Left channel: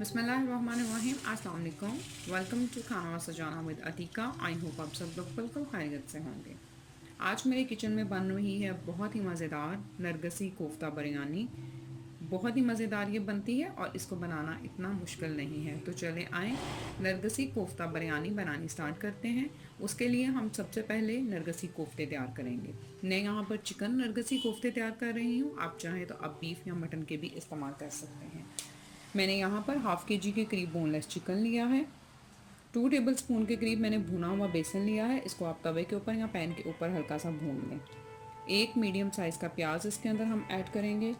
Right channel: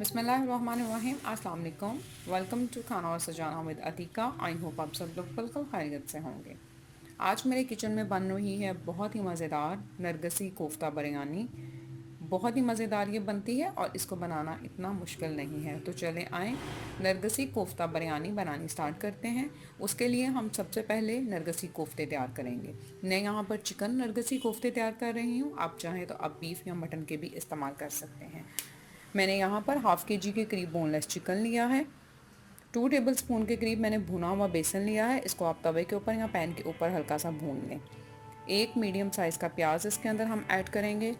बिस्मिल्लाहिर्रहमानिर्रहीम। अस्सलाम वालेकुम। वेलकम टू खाना और सजाना विद अतीका। आई होप आप सब लोग बिल्कुल खैरियत से होंगे। आज मेरे किचन में बन रही है बहुत ही मज़ेदार नरगसी कोफ्ता बिरयानी। बहुत ही मज़ेदार ये बनती है और इसको बनाना इतना मुश्किल नहीं है। तो चले आएँ नरगसी कोफ्ता बिरयानी बनानी स्टार्ट करते हैं। उसके लिए हम सबसे पहले नरगसी कोफ्ते तैयार करेंगे। मैं यहाँ पर चिकन नरगसी कोफ्ते तैयार कर रही हूँ। आप चाहें तो आप बीफ या मटन के भी इस्तेमाल कर सकते हैं। मैंने यहाँ पर हाफ़ के जी के करीब बोनलेस चिकन लिया है। 2 टेबल स्पून के करीब मैंने भुना हुआ बेसन लिया है। इसको आप तवे के ऊपर या पैन के ऊपर हल्का सा भून लें। एक मीडियम साइज़ का प्याज इसके अंदर हम ऐड करेंगे।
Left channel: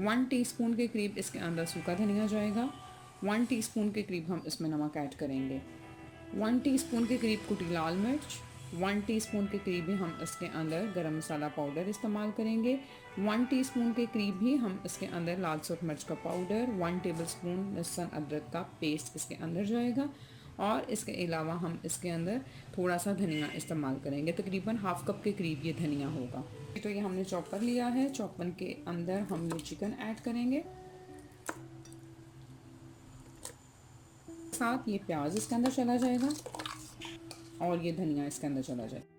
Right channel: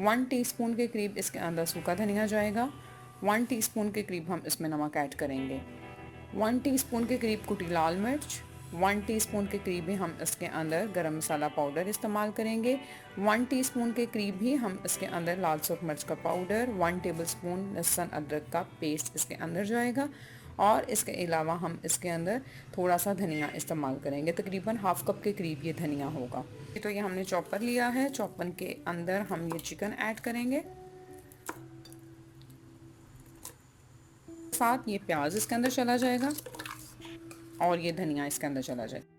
1 टीस्पून के करीब इसके अंदर सूखा धनिया जाएगा। 1 टीस्पून के करीब हम इसमें नमक ऐड करेंगे। 1 टीस्पून के करीब कुटी लाल मिर्च। 1 टीस्पून के करीब ही हम इसके अंदर गरम मसाला पाउडर इस्तेमाल करेंगे। 1 टीस्पून के करीब ही हम इसके अंदर लाल सूख मिर्च का पाउडर, 1 टेबलस्पून लहसुन अदरक का पेस्ट इसके अंदर जाएगा। और इसके अलावा हम इसके अंदर थोड़ा सा धनिया इस्तेमाल करेंगे। तकरीबन हाफ़ कप के करीब ये धनिया होगा। तो ये हमने चॉपर लिया है। चॉपर के अंदर हम ये चिकन ऐड करेंगे। साथ ये प्याज इसके अंदर चला जाएगा और ये धनिया इसके अंदर चला जाएगा।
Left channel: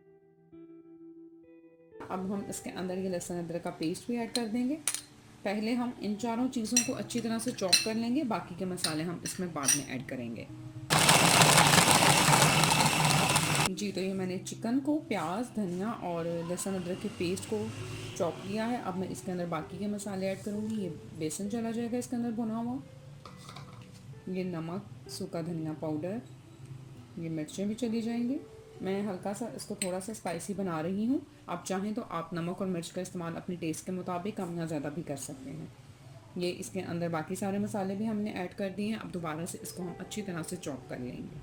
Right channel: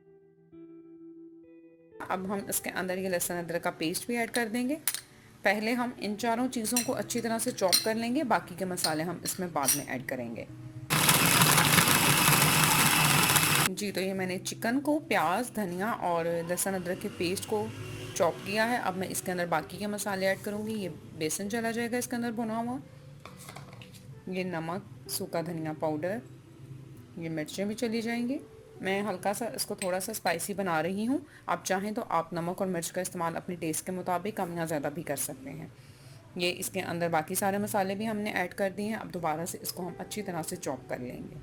अब हम इसके अंदर ये लहसुन अदरक का पेस्ट भी ऐड कर देंगे। पहले हम इन चारों चीज़ों को अच्छी तरह से चॉप कर लेंगे। बाकी के मसाले हम इसमें बाद में ऐड करेंगे। जी, तो ये मैंने चिकन को, प्याज, धनिया और लहसुन अदरक के पेस्ट को चॉप किया है। अब मैं इसके अंदर बाकी के मसाले ऐड करूँगी। ये बेसन चला जाएगा इसके अंदर भुना हुआ, ये नमक, सूखा धनिया पाउडर, ये मिर्चें भी चली जाएंगी। मैं हल्का सा इसको थोड़ा सा स्पाइसी बना रही हूँ। आप चाहें तो आप नमक और मिर्च का इस्तेमाल अपने टेस्ट के मुताबिक कम या ज़्यादा भी कर सकते हैं। ये इसके अंदर बाकी सारे मसाले भी हमने ऐड कर दिए हैं। अब दोबारा से इसको हम अच्छी तरह से चॉप कर लेंगे।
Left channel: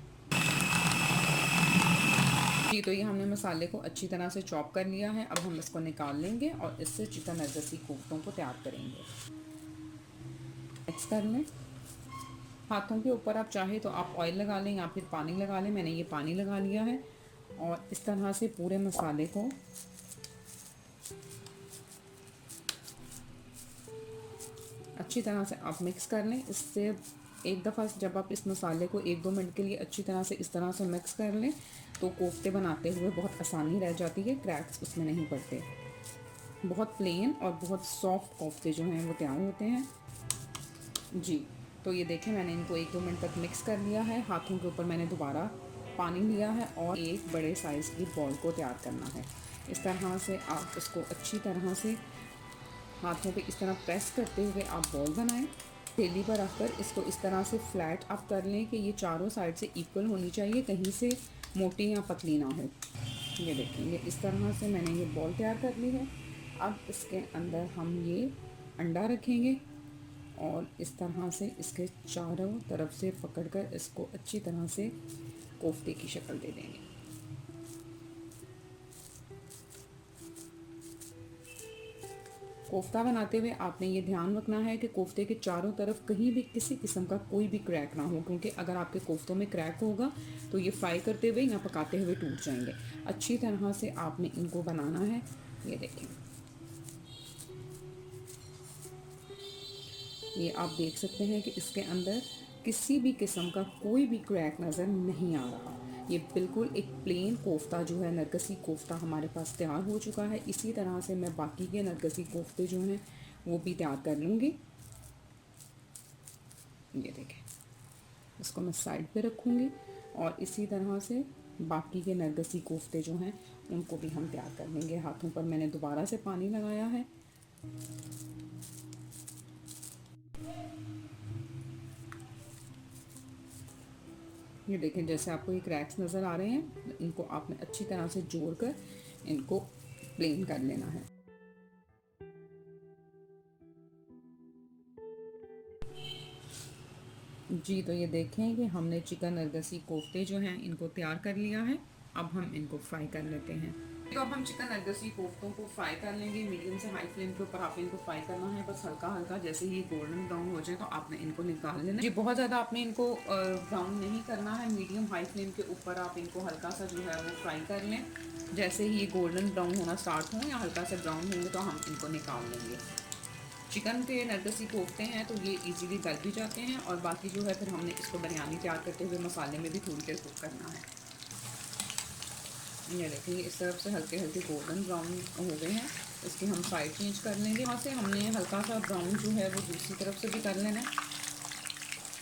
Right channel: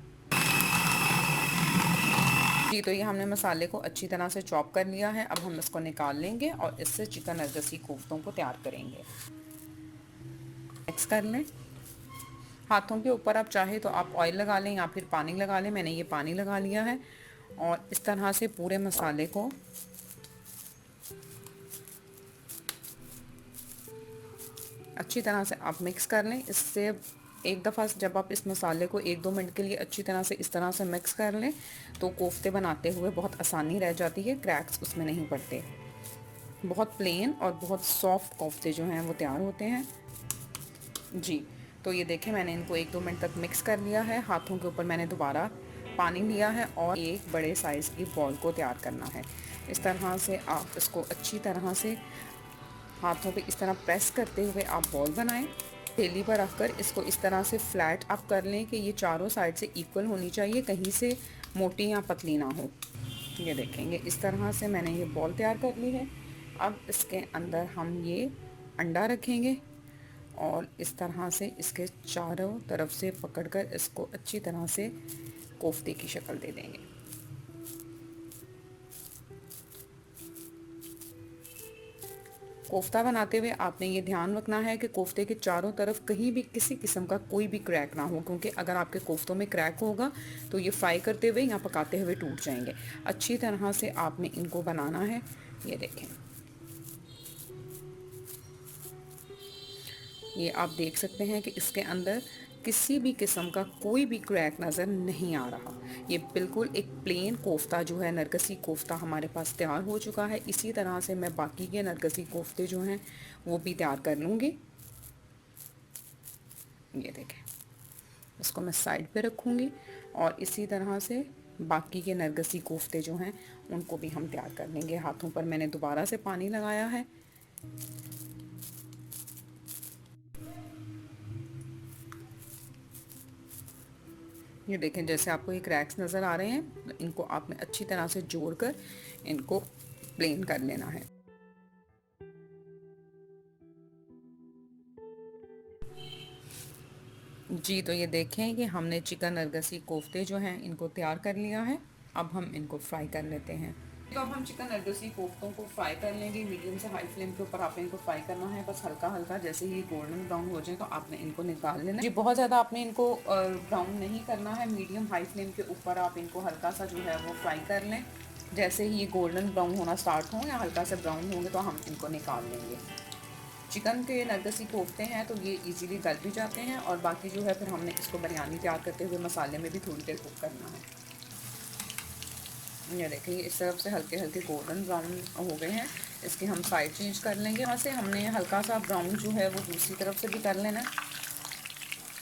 जी, तो ये हमने मसाले को अच्छी तरह से चॉप कर लिया है। अब हम इसको निकाल लेंगे और इससे चिकन नरगसी कोफ्तों को तैयार करेंगे। मिक्स कर लें। हाथों के ऊपर आप चाहे तो आप ऑयल लगा लें या फिर पानी लगा लें। मैंने ये पानी लगा लिया है और इस तरह से पूरे मसाले को अच्छी तरह से आप मिक्स कर लें। इससे एक दफ़ा जब आप इस मसाले को 1-2 मिनट के लिए अच्छी तरह से इस तरह से मिक्स कर लें तो कोफ्ते बनाते हुए बहुत आसानी रह जाती है, क्रैक्स उसमें नहीं पड़ते। बहुत प्लेन और बहुत सॉफ्ट कोफ्ते जो हैं वो तैयार होते हैं। जी, तो ये देखें मैंने इनको 1-2 मिनट तक मिक्स कर लिया है। हाथों के ऊपर मैंने दोबारा पानी लिया है और एक बड़े साइज़ की बॉल को तैयार करना है। इस तरह से आप इसको अच्छी तरह से हाथों पे इस तरह प्रेस करते हुए आप बॉल बनाएं। थैली पर रखकर इसको इस तरह से फ्लैट आप कर लें कि ये चारों साइड से इक्वल होनी चाहिए, कहीं से मोटी या पतली ना हो। ये देखेंगे इस तरह से मैंने ये बॉल तैयार कर ली है। अब इसके अंदर हम ये अंडा रखेंगे और इस तरह से इसके चारों तरफ से पकड़कर इसको अच्छी तरह से कोफ्ते की शक्ल दे देंगे। कोफ्ता बनाते हुए आपने ये ध्यान रखना है कि कोफ्ते के चारों तरफ कहीं भी किसी किस्म का कोई भी क्रैक ना हो, क्योंकि अगर आपके कोफ्तों में क्रैक होगा तो ये फ्राई करते हुए या पकाते हुए टूट जाएंगे। अच्छी तरह से आपने इनको बनाना है। ये देखें, ये आप देख सकते हैं कि इसके अंदर किसी भी किस्म का कोई भी क्रैक नज़र नहीं आ रहा। ये बिल्कुल एक प्लेन कोफ्ता जो है, नरगसी कोफ्ता हमारे पास तैयार हो चुका है। इसी तरह से मैं बाकी के नरगसी कोफ्ते जो हैं वो भी तैयार कर लूँगी। ये देखें, इसको मैं साइड पे रखूँगी और इसी तरह से बाकी के नरगसी कोफ्ते जो हैं उनको भी हम तैयार कर लेंगे। हाथों पर मैंने दोबारा से पानी लगाया है। ये देखें, जैसे आपको ये क्रैक्स नज़र आ रहे हैं, तो इनको आपने अच्छी तरह से जोड़कर इनको प्लेन कर लेना है। जी, तो ये देखें कि हमने चिकन नरगसी कोफ्ते जो हैं इनको तैयार कर लिया है। अब हम इनको फ्राई कर लेते हैं। तो अब हम चिकन नरगसी कोफ्तों को फ्राई कर लेंगे। मीडियम से हाई फ्लेम के ऊपर आपने इनको फ्राई करना है, बस हल्का हल्का। जैसे ही गोल्डन ब्राउन हो जाए तो आपने इनको निकाल लेना जी। बहुत ज़्यादा आपने इनको ब्राउन नहीं करना है। मीडियम हाई फ्लेम के ऊपर आप इनको हल्का सा जो है वो फ्राई कर लें। जैसे ही ये गोल्डन ब्राउन होना स्टार्ट हो या हल्का से ब्राउन हो तो हम इनको निकाल लेंगे। चिकन के नरगसी कोफ्ते हैं तो ये इजीली गल भी जाते हैं, और बाकी जो है फिर हमने इसको बिरयानी तैयार करते हुए मसाले में भी थोड़ी देर कुक करना है। ये देखिए इस तरफ से हल्के हल्के गोल्डन ब्राउन हो गए हैं, इसकी हम साइड चेंज कर लेंगे। वहाँ से हमने हल्का सा ब्राउन जो है वो दूसरी तरफ से भी कर लेना।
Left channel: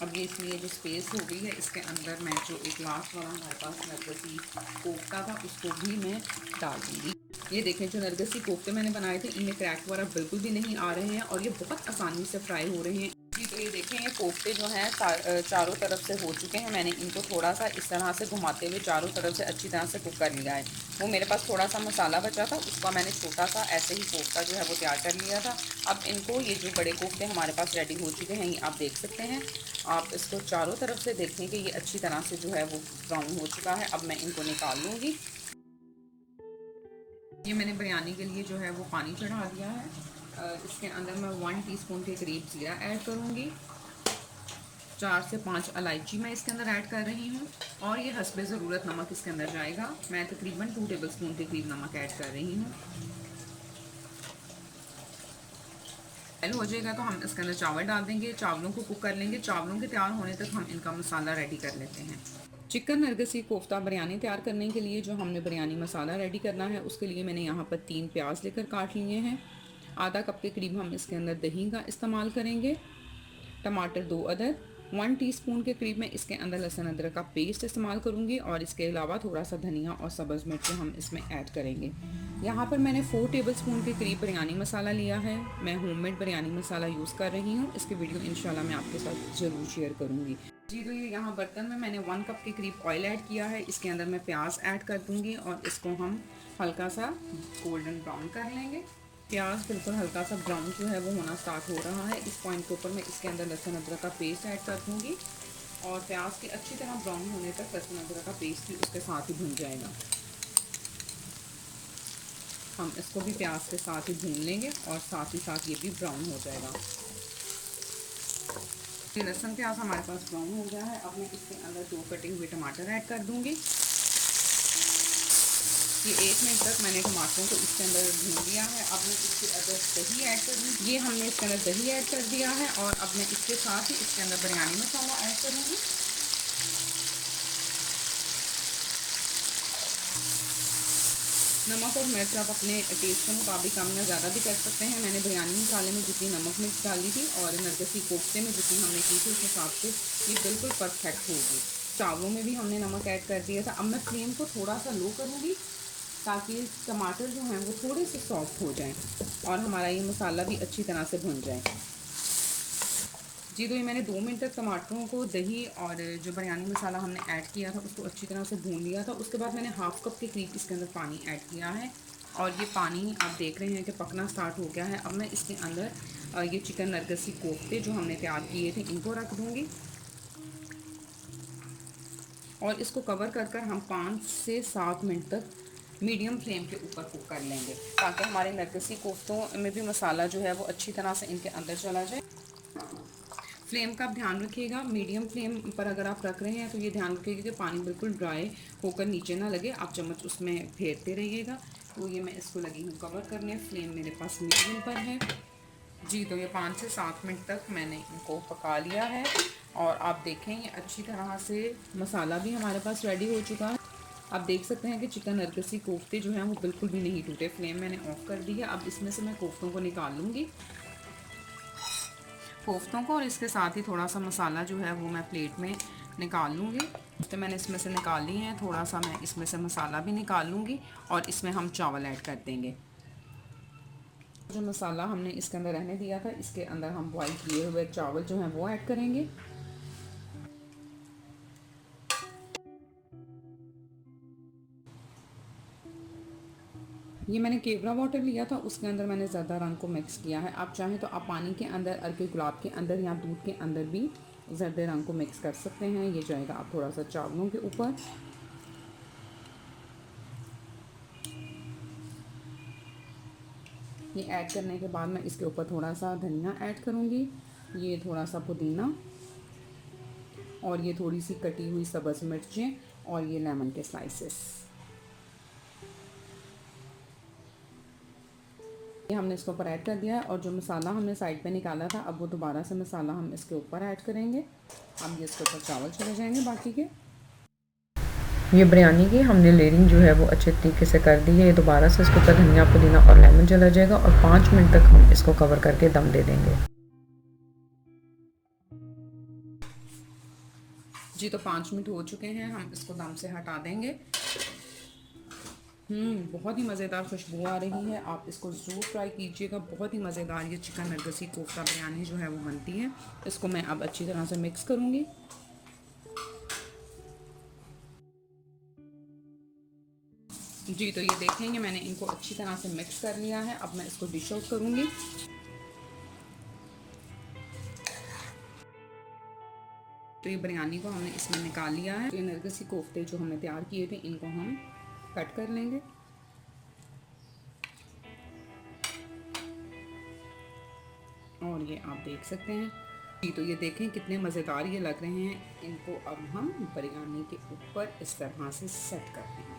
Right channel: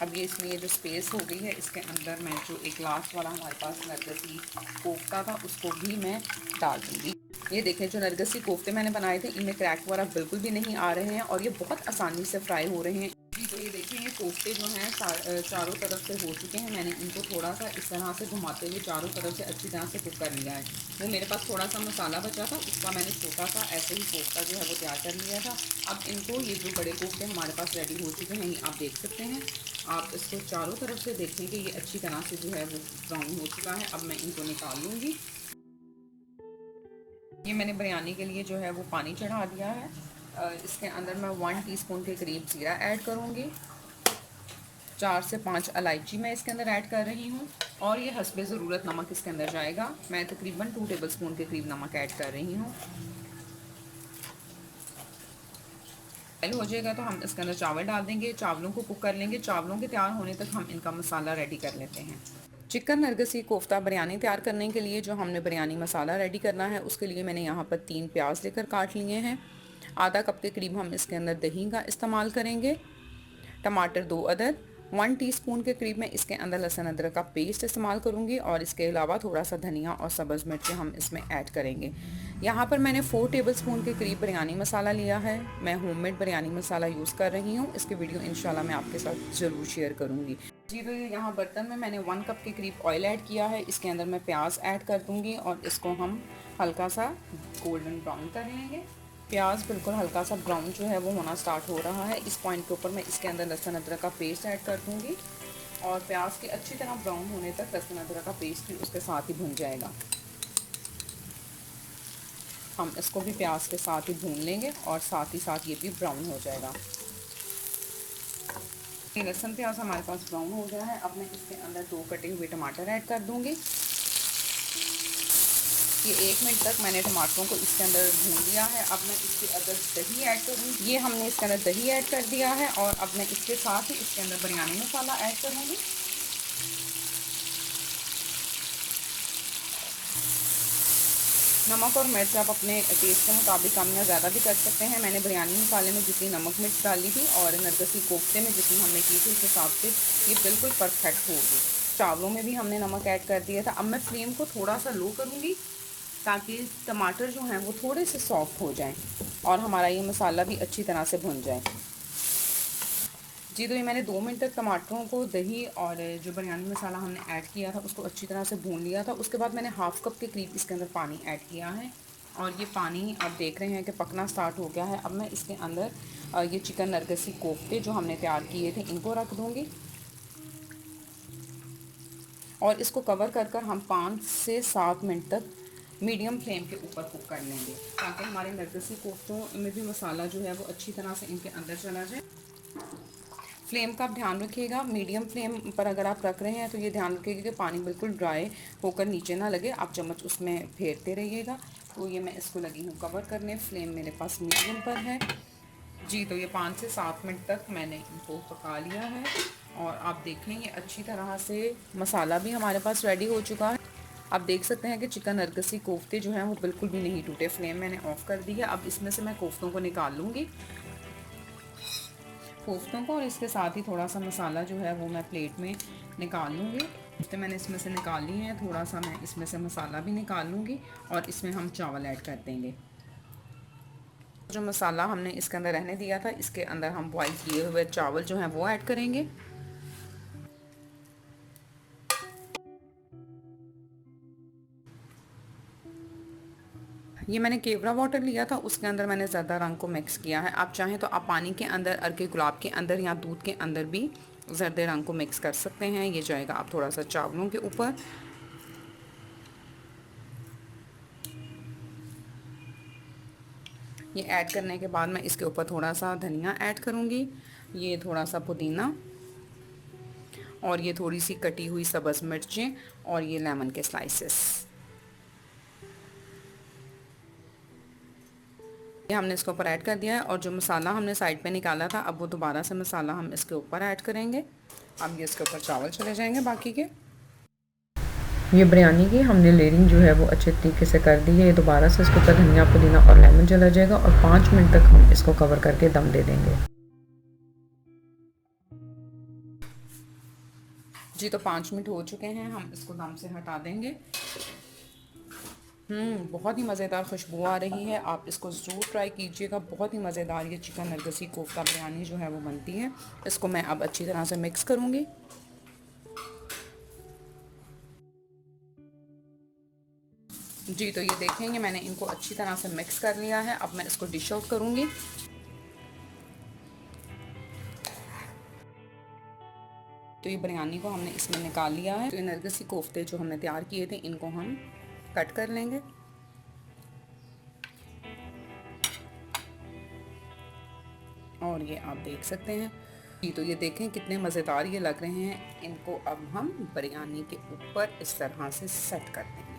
अब ये इसलिए जो स्पेस हो गई है इसके अंदर मैं जो एक लास्ट वाला हमारे पास नरगसी कोफ्ता था उसको भी मैं डाल दूँगी। ये देखें जो नरगसी कोफ्ते मैंने बनाए थे इनमें क्रैक वगैरह बिल्कुल भी नहीं आ रहे हैं और ये बहुत आसानी से फ्राई हो रहे हैं जी। तो ये देखें ये कोफ्ते जो हैं चारों तरफ से हो चुके हैं। मैंने इनको थोड़ा सा इस तरह से घुमाते हुए चारों तरफ से अच्छी तरह से कुक कर लिया है। वो मेरे पास थोड़ा सा मसाला बचा था उसका मैंने छोटा सा ऐसे ही कोफ्ता जो है वो तैयार कर लिया था। अब इनको ये जो बड़े कोफ्ते हमारे पास रेडी हो चुके हैं ये आप देख सकते हैं। आप इसको चारों तरफ से देखें कि ये अच्छी तरह से जो है वो ब्राउन हो चुका है। अब मैं इनको निकाल लूँगी। ये मैंने बिरयानी के लिए जो है वो पानी चढ़ा दिया है। इसके अंदर मैं 1 टीस्पून के करीब जीरा ऐड करूँगी। 4 से 5 इलायची मैं इसके अंदर ऐड कर रही हूँ, और ये हस्बे ज़रूरत नमक इसके अंदर जाएगा। मैं तकरीबन 2 टेबलस्पून के करीब नमक ऐड कर रही हूँ। हो जाएगा तो हम इसके अंदर चावल डाल देंगे, चावलों को कुक कर लेंगे। चावलों के तैयार होने तक हम इनका मसाला रेडी कर लेते हैं। चिकन नरगसी कोफ्ता बिरयानी तैयार करने के लिए जो हमने बिरयानी मसाला रेडी करना है उसके लिए मैंने यहाँ पर 3 प्याज लेकर काट लिए हैं। आधा कप के करीब हम इसके अंदर दही का इस्तेमाल करेंगे। टमाटर 2 अदद, 1 टीस्पून के करीब मैं इसके अंदर लहसुन अदरक का पेस्ट इस्तेमाल करूँगी, और इसके अलावा थोड़ा सा धनिया और सब्ज़ मिर्च हम इसमें ऐड करेंगे। यहाँ पर मैंने 4 टेबलस्पून के करीब बिरयानी मसाला लिया है। मैं होममेड बिरयानी मसाला यूज़ कर रही हूँ। इसकी वीडियो इंशाल्लाह मैं आपके साथ ज़रूर शेयर करूँगी जी। तो ये यहाँ बर्तन में मैंने 1 कप के करीब ऑयल ऐड किया है। इसके अंदर मैं प्याज ऐड कर दूँगी और इसको हम हल्का सा गोल्डन ब्राउन कर लेंगे। प्याज बिल्कुल हल्का सा ब्राउन जो है वो होना स्टार्ट हो रहा है। इस पॉइंट के ऊपर मैं इसके अंदर लहसुन अदरक का पेस्ट ऐड कर दूँगी, और प्याज के अच्छी तरह ब्राउन होने तक लहसुन अदरक का पेस्ट भी उसके साथ ही भून जाएगा। हम इसको भी प्याज के साथ ही भून लेंगे और साथ ही साथ ये भी ब्राउन हो जाएगा। ये लहसुन प्याज हमारे पास ब्राउन हो गया है। अब मैं इसके अंदर 2 कटे हुए टमाटर ऐड कर दूँगी। ये 1 मिनट तक मैंने टमाटरों को इसके अंदर भून लिया है। अब मैं इसके अंदर दही ऐड करूँगी। ये हमने इसके अंदर दही ऐड कर दिया है, और अब मैं इसके साथ ही इसके अंदर बिरयानी मसाला ऐड करूँगी। नमक और मिर्च आप अपने टेस्ट के मुताबिक कम या ज़्यादा भी कर सकते हैं। मैंने बिरयानी मसाले में जितनी नमक मिर्च डाली थी और नरगसी कोफ्ते में जितनी हमने की थी उस हिसाब से ये बिल्कुल परफेक्ट होगी। चावलों में भी हमने नमक ऐड कर दिया था। अब मैं फ्लेम को थोड़ा सा लो करूँगी ताकि टमाटर जो हैं वो थोड़े से सॉफ्ट हो जाएं और हमारा ये मसाला भी अच्छी तरह से भुन जाए जी। तो ये मैंने 2 मिनट तक टमाटरों को दही और जो बिरयानी मसाला हमने ऐड किया था उसको अच्छी तरह से भून लिया था। उसके बाद मैंने हाफ़ कप के करीब इसके अंदर पानी ऐड किया है, और ये पानी आप देख रहे हैं कि पकना स्टार्ट हो गया है। अब मैं इसके अंदर ये चिकन नरगसी कोफ्ते जो हमने तैयार किए थे इनको रख दूँगी, और इसको कवर कर कर हम 5 से 7 मिनट तक मीडियम फ्लेम के ऊपर कुक कर लेंगे, ताकि हमारे नरगसी कोफ्तों में भी मसाला जो है वो अच्छी तरह से इनके अंदर चला जाए। फ्लेम का आप ध्यान रखिएगा, मीडियम फ्लेम पर अगर आप रख रहे हैं तो ये ध्यान रखिएगा कि पानी बिल्कुल ड्राई होकर नीचे ना लगे। आप चम्मच उसमें फेरते रहिएगा। तो ये मैं इसको लगी हूँ कवर करने। फ्लेम मेरे पास मीडियम पर है जी। तो ये 5 से 7 मिनट तक मैंने इनको पका लिया है, और आप देखें ये अच्छी तरह से मसाला भी हमारे पास रेडी हो चुका है। आप देख सकते हैं कि चिकन नरगसी कोफ्ते जो हैं वो बिल्कुल भी नहीं टूटे। फ्लेम मैंने ऑफ़ कर दी है। अब इसमें से मैं कोफ्तों को निकाल लूँगी, कोफ्तों को, और इसके साथ ही थोड़ा सा मसाला जो है वो मैं प्लेट में निकाल लूँगी। तो मैंने इसमें से निकाल ली हैं। थोड़ा सा मैं इसमें से मसाला भी निकाल लूँगी, और इसमें हम चावल ऐड कर देंगे। जो मसाला हमने इसके अंदर रहने दिया था इसके अंदर हम बॉईल किए हुए चावल जो हैं वो ऐड करेंगे। ये मैंने केवड़ा वाटर लिया था, उसके अंदर मैंने ज़्यादा रंग को मिक्स किया है। आप चाहें तो आप पानी के अंदर, अर्के गुलाब के अंदर या दूध के अंदर भी ज़र्दे रंग को मिक्स कर सकते हैं। ये जाएगा आप थोड़ा सा चावलों के ऊपर। ये ऐड करने के बाद मैं इसके ऊपर थोड़ा सा धनिया ऐड करूँगी, ये थोड़ा सा पुदीना, और ये थोड़ी सी कटी हुई सब्ज़ मिर्चें, और ये लेमन के स्लाइसेस। ये हमने इसके ऊपर ऐड कर दिया है और जो मसाला हमने साइड पे निकाला था अब वो दोबारा से मसाला हम इसके ऊपर ऐड करेंगे। अब ये इसके ऊपर चावल चले जाएंगे बाकी के। ये बिरयानी की हमने लेयरिंग जो है वो अच्छे तरीके से कर दी है। ये दोबारा से इसके ऊपर धनिया पुदीना और लेमन चला जाएगा और 5 मिनट तक हम इसको कवर करके दम दे देंगे। जी तो 5 मिनट हो चुके हैं, हम इसको दम से हटा देंगे। बहुत ही मज़ेदार खुशबू आ रही है, आप इसको ज़रूर ट्राई कीजिएगा। बहुत ही मज़ेदार ये चिकन नरगसी कोफ्ता बिरयानी जो है वो बनती है। इसको मैं अब अच्छी तरह से मिक्स करूँगी। जी तो ये देखेंगे मैंने इनको अच्छी तरह से मिक्स कर लिया है। अब मैं इसको डिश आउट करूँगी। तो ये बिरयानी को हमने इसमें निकाल लिया है। तो ये नरगिसी कोफ्ते जो हमने तैयार किए थे इनको हम कट कर लेंगे। और ये आप देख सकते हैं। जी तो ये देखें कितने मज़ेदार ये लग रहे हैं। इनको अब हम बिरयानी के ऊपर इस तरह से सेट कर देंगे।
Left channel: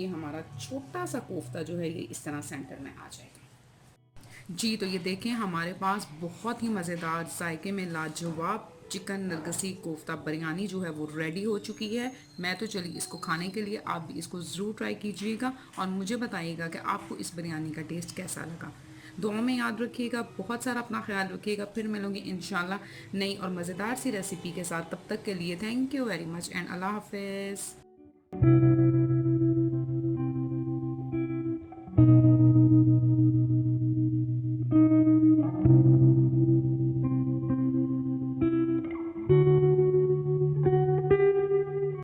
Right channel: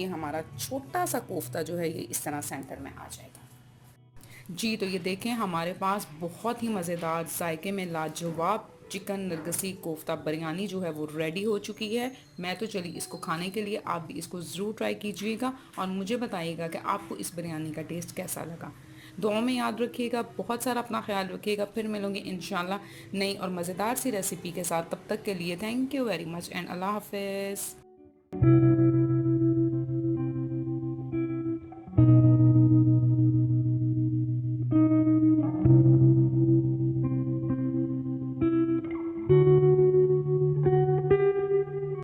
ये हमारा छोटा सा कोफ्ता जो है ये इस तरह सेंटर में आ जाएगा। जी तो ये देखें हमारे पास बहुत ही मज़ेदार जायके में लाजवाब चिकन नरगसी कोफ्ता बिरयानी जो है वो रेडी हो चुकी है। मैं तो चली इसको खाने के लिए, आप भी इसको ज़रूर ट्राई कीजिएगा और मुझे बताइएगा कि आपको इस बिरयानी का टेस्ट कैसा लगा। दुआ में याद रखिएगा, बहुत सारा अपना ख्याल रखिएगा। फिर मिलूँगी इंशाल्लाह नई और मज़ेदार सी रेसिपी के साथ। तब तक के लिए thank you very much and अल्लाह हाफिज़।